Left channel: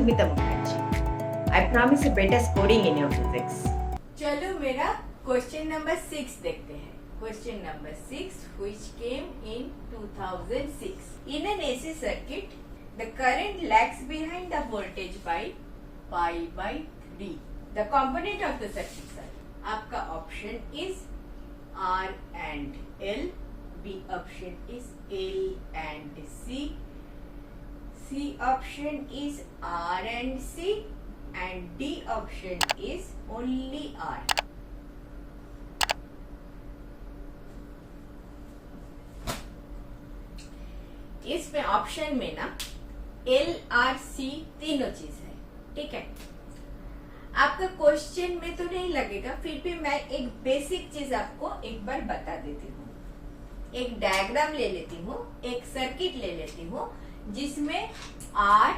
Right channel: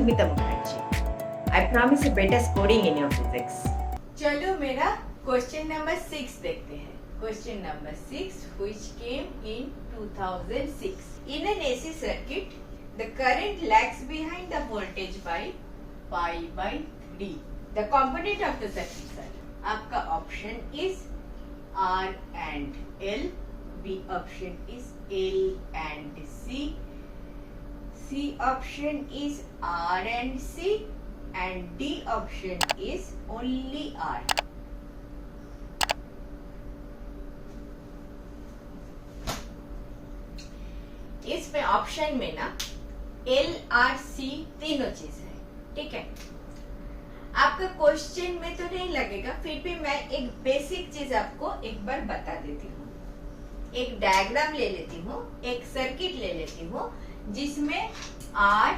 Madhumita Mukherjee. I promise a better scoring in your physics. चलो मेरा question number 6 देखते हैं. Question number 6, which came in 2006. In an AC circuit, the current lags behind the voltage by pi by 3. The component of the circuit are. आपका option is R and L. B option is L and C. C option is R and C. And D option is only R. इसमें option में ना L, R, C तीनों चीज है. ठीक है, आपका क्वेश्चन में तो नहीं लगेगा, फिर भी मैं एक बेसिक चीज आपको एक बार बता देती हूँ. एक डायग्राम ले लेती हूँ, एक सर्किट ले लेती हूँ जिसमें R,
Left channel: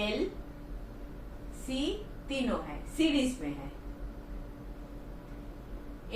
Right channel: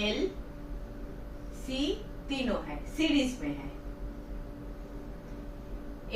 L, C तीनों है, सीरीज में है.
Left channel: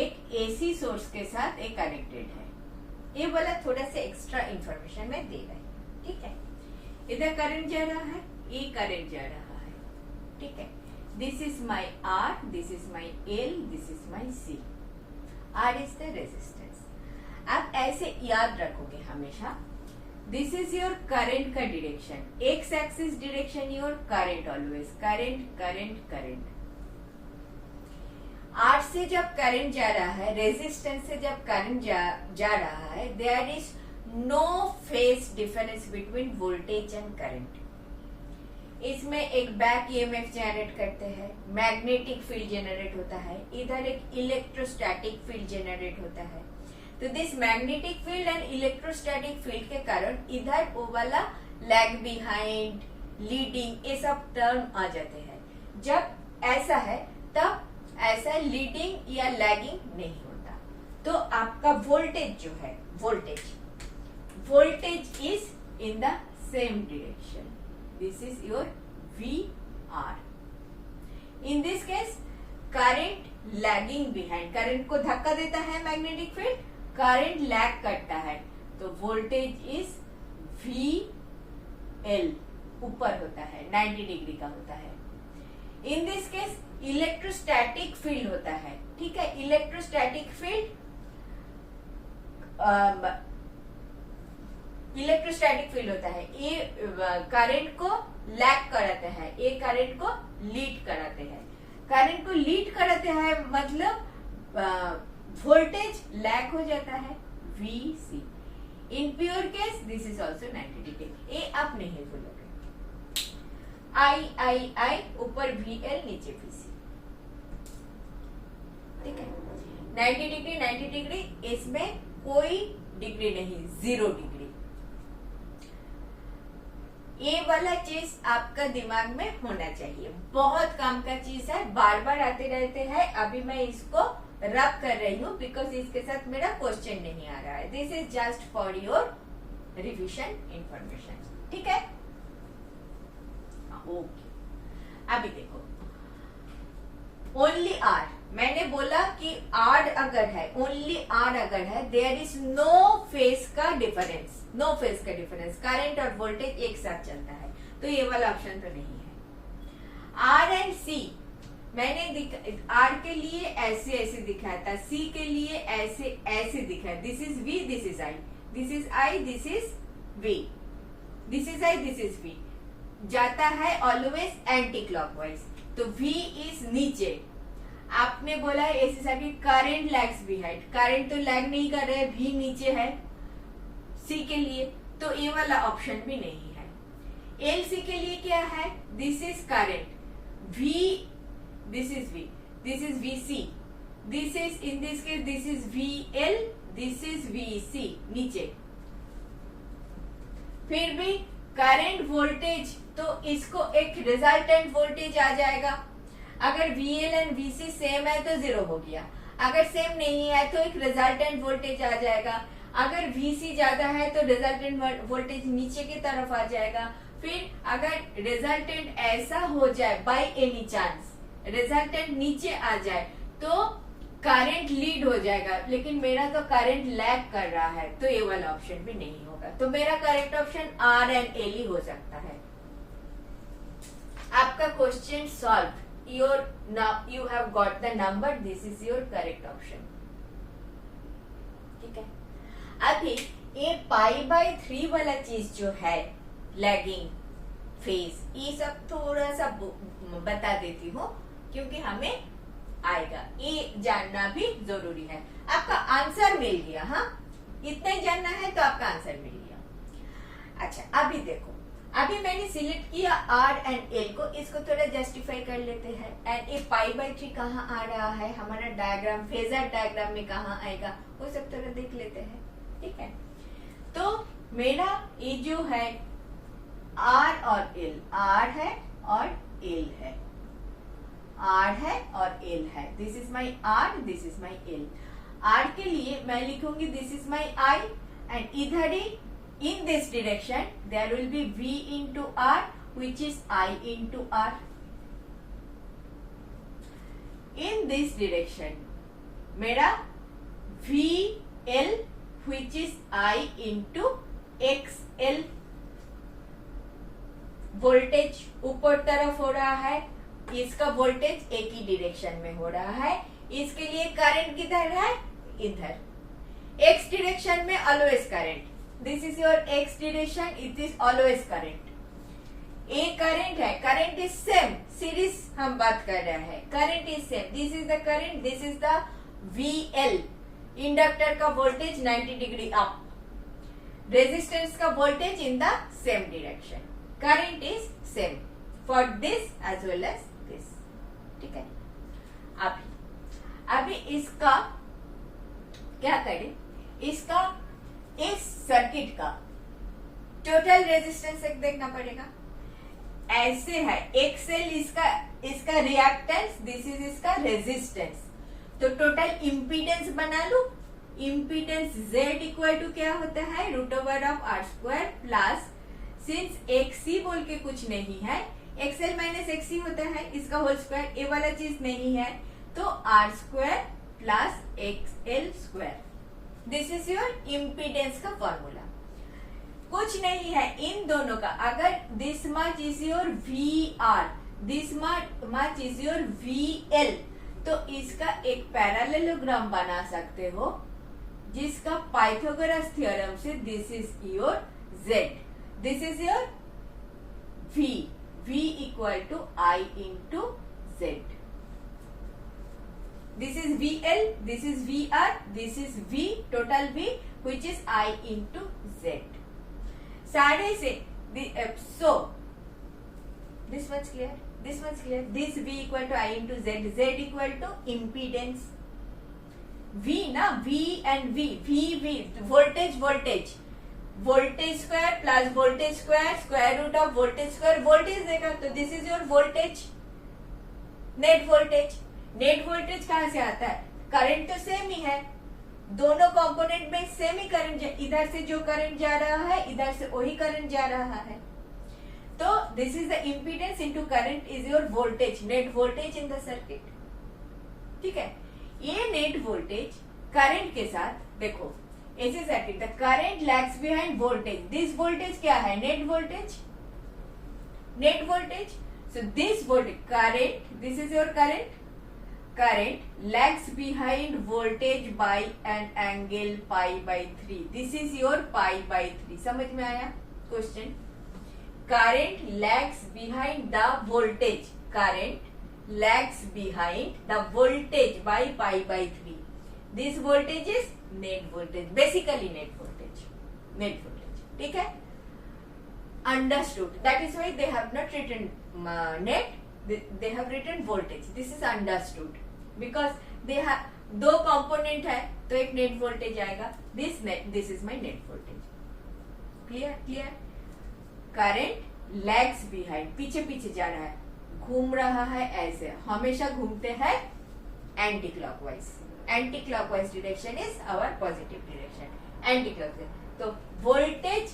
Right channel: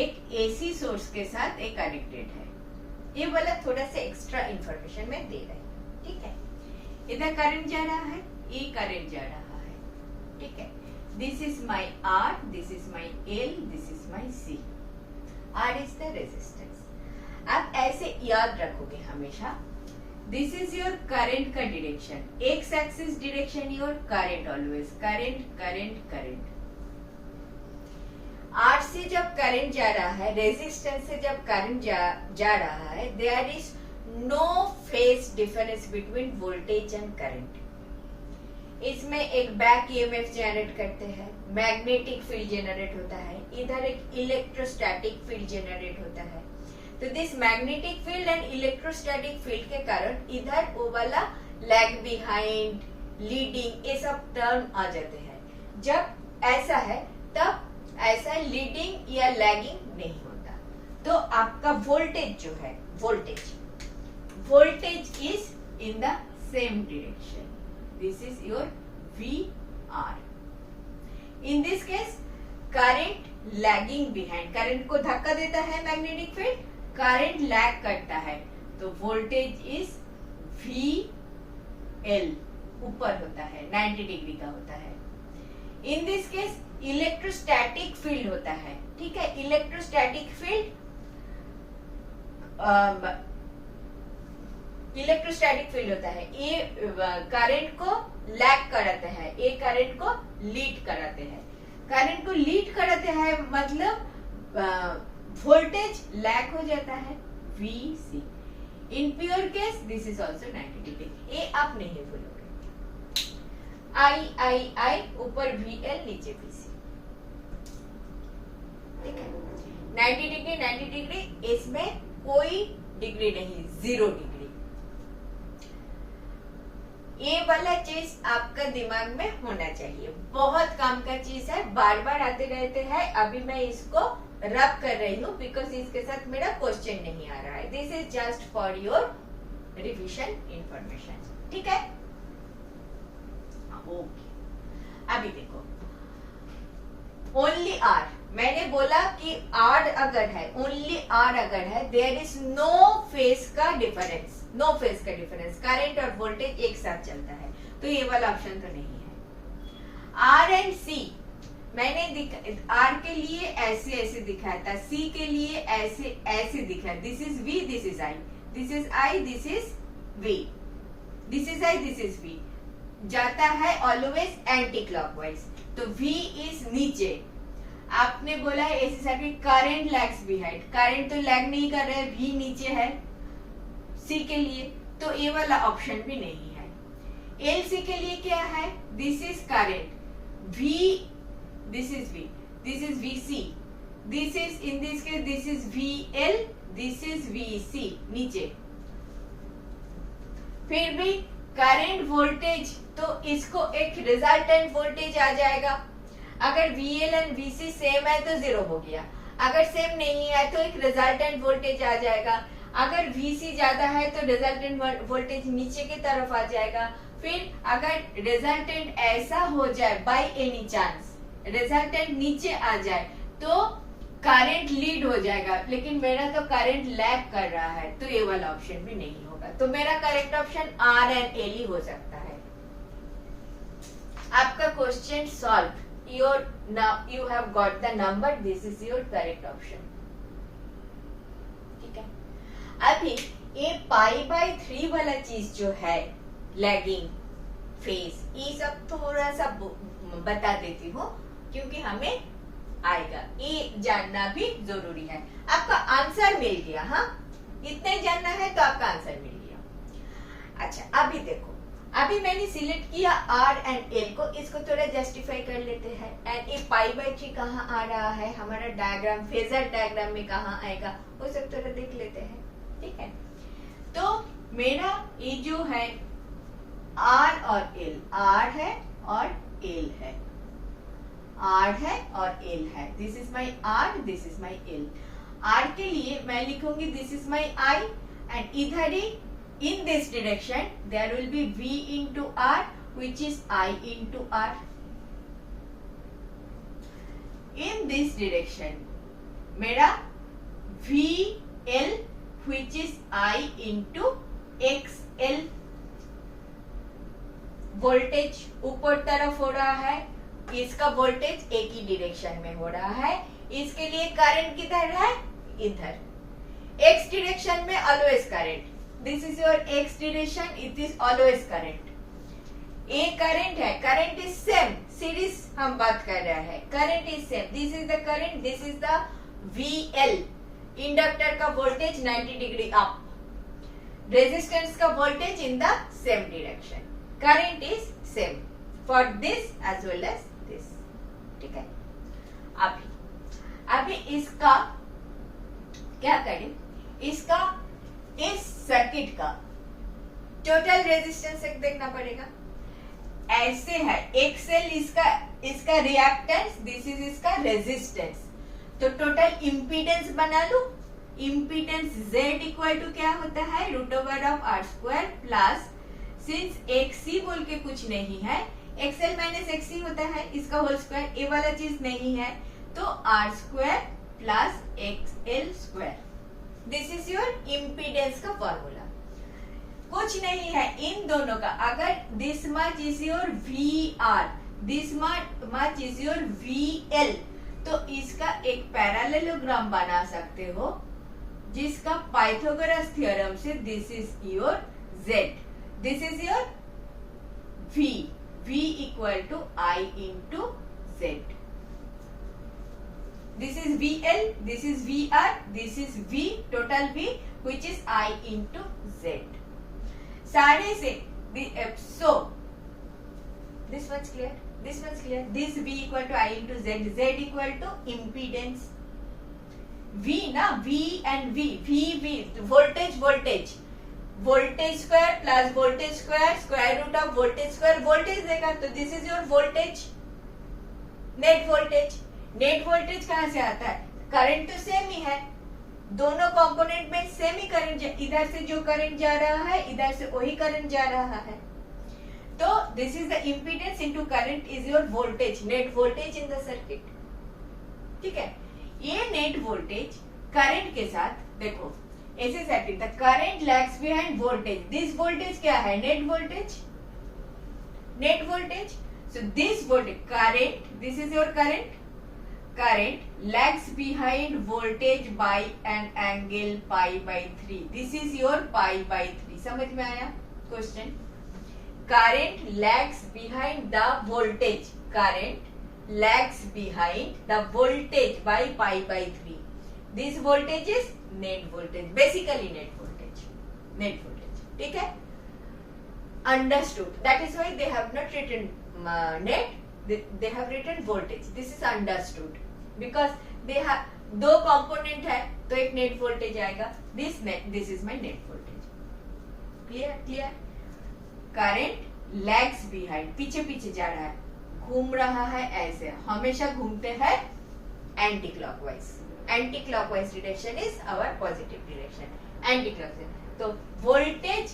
एक एसी सोर्स के साथ एक कनेक्टेड है. ये वाला थोड़ा सा एक्स्ट्रा इंफॉर्मेशन में दे रही है. ठीक है, इधर करंट जा रहा है, ये करंट जा रहा है. ठीक है, this is my R, this is my L, this is my C. R is the resistance. आप ऐसे याद रखोगे हमेशा. दिस इज योर करंट का direction, X axis direction your current, always current current current. R से जब current जा रहा है, रेजिस्टेंस से जब करंट जा रहा है, there is no phase difference between voltage and current. इसमें एक बैक ईएमएफ जनरेट करते हैं, मैग्नेटिक फील्ड जनरेट होता है, इधर एक इलेक्ट्रोस्टैटिक फील्ड जनरेट होता है. तो this magnetic field and electrostatic field के कारण इधर वो वाला लैग बिहाइंड, लीडिंग, ये सब टर्म आ जाते हैं. जब ऐसा है तब ऐसा लीडिंग या लैगिंग नहीं होता. तो आपका वोल्टेज जो है, voltage is in the same direction. This is your VR. In this case current lagging behind, current को धक्का देता है मैग्नेटिक फील्ड, करंट लैग करता है, तो वोल्टेज इज VL, ऊपर होता है, 90 डिग्री का होता है. In this case electrostatic field होता है. ठीक है, इलेक्ट्रोस्टैटिक फील्ड होता है. ये करंट को लैग कराते हैं, ये करंट को लीड कराते हैं. करंट को लीड कराते हैं मतलब वोल्टेज लैग हो जाता है, VC. In pure case this is also 90 degree. ये आप नहीं भूलोगे. I ऊपर VL, नीचे VC. ठीक है, 90 डिग्री, इसमें कोई डिग्री नहीं, 0 डिग्री. ये वाला चीज आपका दिमाग में होना चाहिए. बहुत काम का चीज है, बार बार आते रहते हैं. अभी मैं इसको रब कर रही हूँ बिकॉज इसके साथ मेरा क्वेश्चन नहीं आ रहा है. This is just for your revision information. ठीक है, ओके. अभी देखो, ओनली आर, मैंने बोला कि आर अगर है, ओनली आर अगर है, देयर इज नो फेज का डिफरेंस, नो फेज का डिफरेंस. करंट और वोल्टेज एक साथ चलता है, तो ये वाला ऑप्शन तो नहीं है. आर एंड सी मैंने आर के लिए ऐसे ऐसे दिखाया था, सी के लिए ऐसे ऐसे दिखाया. This is V, this is I, this is I, this is V, this is I, this is V. जाता है ऑलवेज एंटी क्लॉकवाइज. तो V इज नीचे. आपने बोला AC circuit current lags behind, current तो लैग नहीं कर रहे, V नीचे है. C के लिए तो ये वाला ऑप्शन भी नहीं है. LC के लिए क्या है, this is current V, this is V, this is VC, this is in this case this is VL, this is VC नीचे. फिर भी करंट वोल्टेज, तो इसको एक रिजल्टेंट वोल्टेज आ जाएगा. अगर VL एंड VC सेम है तो 0 हो गया. अगर सेम नहीं है तो एक रिजल्टेंट वोल्टेज आ जाएगा. अगर VC ज्यादा है तो रिजल्टेंट वोल्टेज नीचे की तरफ आ जाएगा. फिर अगर रिजल्टेंट ऐसा हो जाए, बाय एनी चांस रिजल्टेंट नीचे आ जाए, तो करंट लीड हो जाएगा. लेकिन मेरा तो करंट लैग कर रहा है, तो ये वाला ऑप्शन भी नहीं होगा. तो मेरा correct option R and L ही हो सकता है. आपका question solve, your now you have got the number, this is your correct option. ठीक है, अभी ये π/3 वाला चीज जो है लैगिंग फेज, ये सब थोड़ा सा बता देती हूँ क्योंकि हमें आएगा, ये जानना भी जरूरी है। आपका आंसर मिल गया, हाँ इतना जानना है तो आपका आंसर मिल गया। अच्छा अभी देखो, अभी मैंने सिलेक्ट किया R एंड L को, इसको थोड़ा जस्टिफाई कर लेते हैं। एंड ये π/3 कहाँ आ रहा है, हमारा डायग्राम फेजर डायग्राम में कहाँ आएगा, वो सब थोड़ा देख लेते हैं। ठीक है, तो मेरा ये जो है R और L, R है और L है, R है और L है। This is my R, this is my L। R के लिए मैं लिखूंगी this is my I, and इधर ही in this direction there will be V into R which is I into R. In this direction मेरा VL which is I into XL। Voltage ऊपर तरफ हो रहा है, इसका वोल्टेज एक ही डायरेक्शन में हो रहा है, इसके लिए करंट किधर है, इधर। X डायरेक्शन में always current, this is your X direction, it is always current. ये करंट है, करंट इज सेम, सीरीज हम बात कर रहे हैं, current is same, this is the current, this is the VL। Inductor का वोल्टेज 90 डिग्री अप, रेजिस्टेंस का voltage in the same direction, current is same for this as well as this. ठीक है, अभी इसका क्या करें, इसका इस सर्किट का टोटल रेजिस्टेंस एक देखना पड़ेगा। ऐसे है, XL इसका रिएक्टेंस, दिस इज इसका रेजिस्टेंस, तो टोटल इम्पीडेंस बना लो। इम्पीडेंस Z इक्वल टू क्या होता है, √R² प्लस, सिंस XC बोल के कुछ नहीं है, XL माइनस XC होता है, इसका होल स्क्वायर, ये वाला चीज नहीं है, तो R² plus XL²। This is your impedance का फॉर्मूला। कुछ नहीं है इन दोनों का, अगर this much is your VR, this much is your VL, तो इसका एक पैरेललोग्राम बना सकते हो जिसका पाइथागोरस थ्योरम से this is your Z, this is your V equal to I into Z। This is VL, this is VR, this is V, total V, which is I into Z. सारे से, so this one's clear, this one's clear. This V equal to I into Z, Z equal to impedance. V ना, V and V, voltage, voltage square plus voltage square, square root of voltage square, voltage देगा, तो this is your voltage, net voltage। Net voltage कहाँ से आता है, current तो same ही है, दोनों कंपोनेंट में सेम ही करंट, इधर से जो करंट जा रहा है इधर से वही करंट जा रहा है, तो this is the impedance into current is your voltage, net voltage in the circuit. ठीक है, ये नेट वोल्टेज करंट के साथ देखो, ऐसे circuit the current lags behind voltage, this voltage क्या है, net voltage, net voltage, so this voltage current, this is your current, current lags behind voltage by an angle π/3, this is your π/3। समझ में आया question, current lags behind the voltage, current lags behind the voltage by π/3, this voltage is net voltage, basically net voltage। ठीक है, understood, that is why they have not written net, they have written voltage, this is understood because they have दो component है तो एक net voltage आएगा, this is my net voltage। Clear, current lags behind, पीछे जा रहा है, घूम रहा है, ऐसे हमेशा घूमते हैं anti clockwise direction is our positive direction, anti clockwise, तो वोल्टेज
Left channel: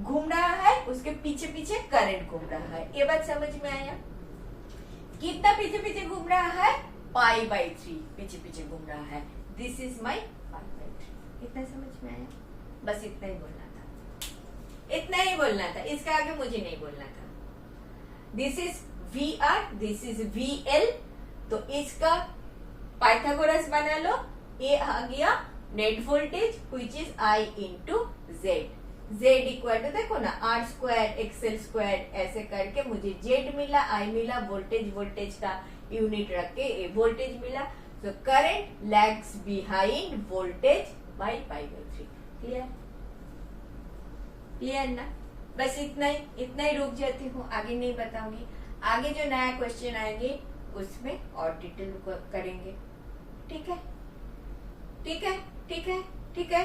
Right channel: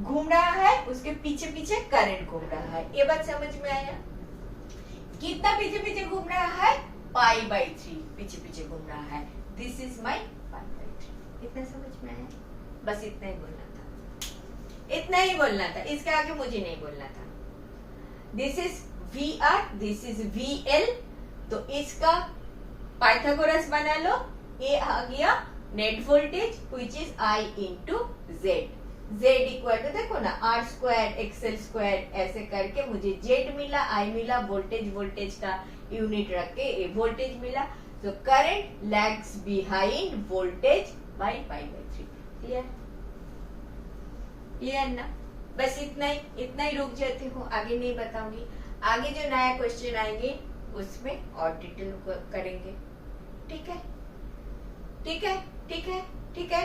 घूम रहा है, उसके पीछे करंट घूम रहा है। ये बात समझ में आया, कितना पीछे घूम रहा है, π/3 पीछे घूम रहा है, दिस इज माई π/3। इतना समझ में आया, बस इतना ही बोलना था, इसका आगे मुझे नहीं बोलना था। This is VR, this is VL, तो इसका पाइथागोरस बना लो, ये आ गया net voltage which is I into Z। Z equal to देखो ना R स्क्वायर XL स्क्वायर, ऐसे करके मुझे Z मिला, I मिला, वोल्टेज का यूनिट रख के ये वोल्टेज मिला। So current lags behind voltage by pi by 3। Clear? Clear ना? बस इतना ही रुक जाती हूँ, आगे नहीं बताऊंगी। आगे जो नया क्वेश्चन आएंगे उसमें और डिटेल करेंगे। ठीक है, ठीक है, ठीक है, ठीक है।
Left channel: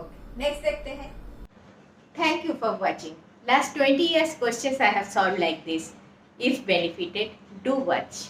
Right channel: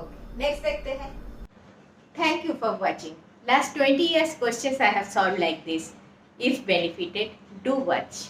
ओके, नेक्स्ट देखते हैं। Thank you for watching. Last 20 years questions I have solved like this. If benefited, do watch.